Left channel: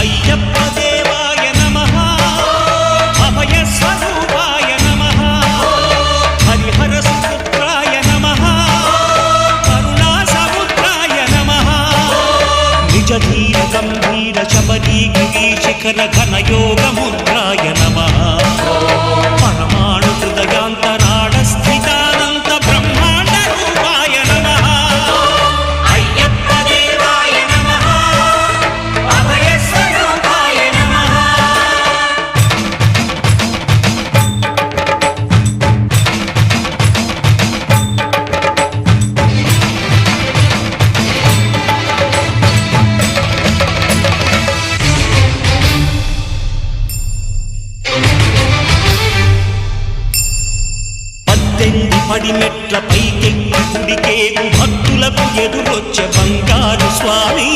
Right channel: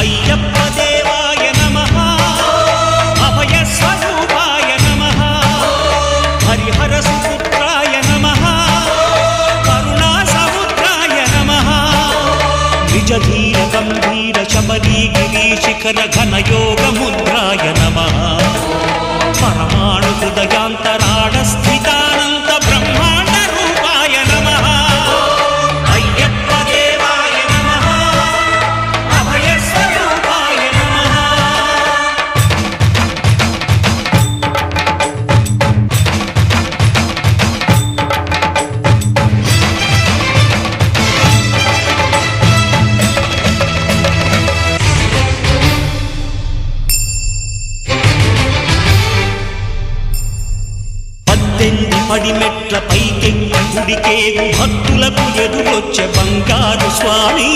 అయ్యప్ప దేవాయ నమః అభయ స్వరూపాయ నమః హరిహర సుపుత్రాయ నమః కరుణా సముద్రాయ నమః నిజ ధీర గంభీర శబరీ గిరి శిఖర ఘన యోగ ముద్రాయ నమః పరమాణు హృదయాంతరాళ స్థితానంత బ్రహ్మాండ రూపాయ నమః అయ్యప్ప దేవాయ నమః అభయ స్వరూపాయ నమః పద్దెంది పడిమెట్ల పైకెక్కి గుడికేగు భక్తులకు ఎదురొచ్చే బంగారు స్వామి